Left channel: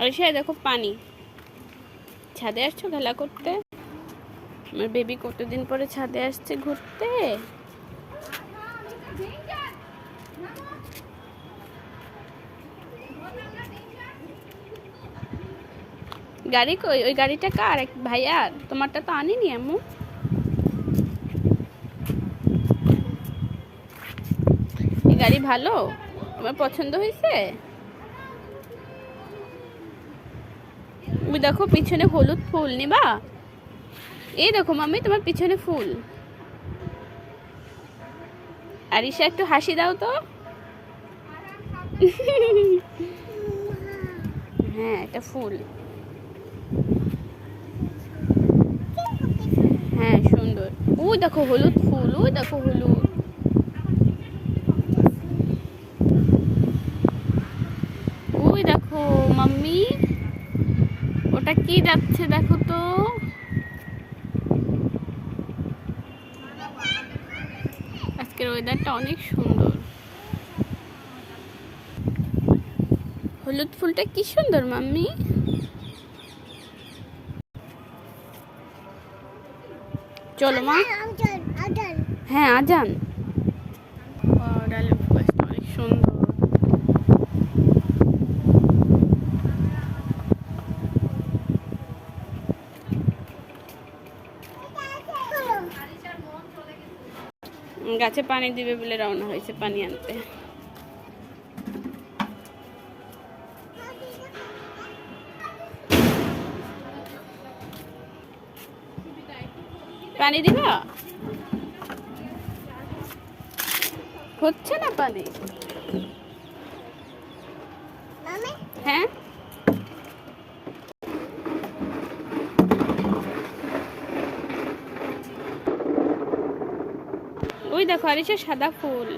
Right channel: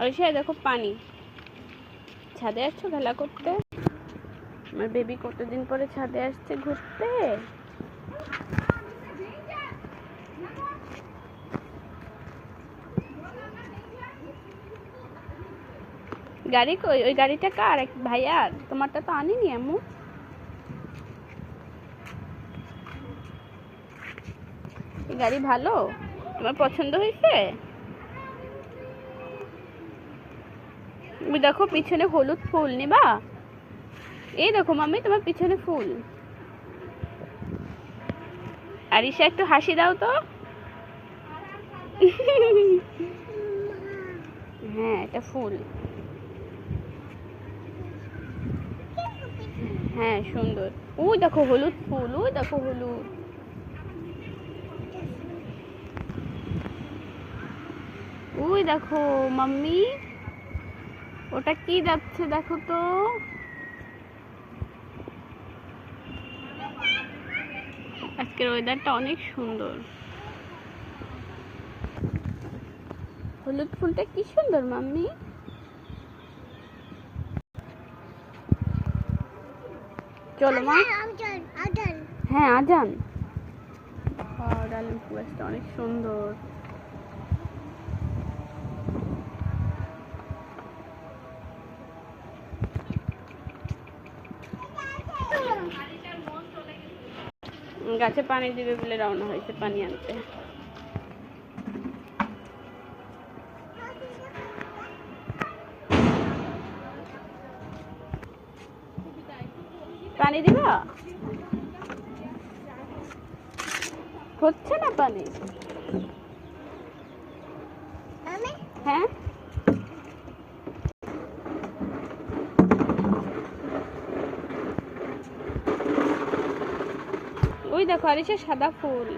আর সে দেখো পানি, ছাদে আসছো খেলা করতে? আমার বেবি কতদিন পরে ছাদে আসছে ঘুরতে। গাড়ি কই? ওই গাড়িটা কার? ভাইয়া তোমারটা তো আনিনি আম্মু। এই গাড়ি ভালো, আমার পছন্দ হয়েছে। তুমি দেখো পিছনে হলুদ ফুল নিবা? এই দেখো মাম্মি তোমার পিছনে ফুল। আরিশা একটু হাসি দাও তো। হ্যাঁ এটা ফুল। হ্যাঁ সুন্দর। ওই দেখো হলুদ ফুল, ওই দেখো হলুদ। ওই দেখো মাম্মি, ওটা কি যাচ্ছে দেখো তো। আজকের ওয়েদারটা অনেক সুন্দর। হলুদ ফুলটা কি সুন্দর মাম্মি। চলো মা। হ্যাঁ আজান। ডালিম গাছটা অনেক সুন্দর। গাছে পানি দিবে বলে রওনা হয়েছে পানি আনতে। পানি দিবা? হচ্ছে না পানি। হ্যাঁ ওই দেখো আরিশা সাদা ফুল।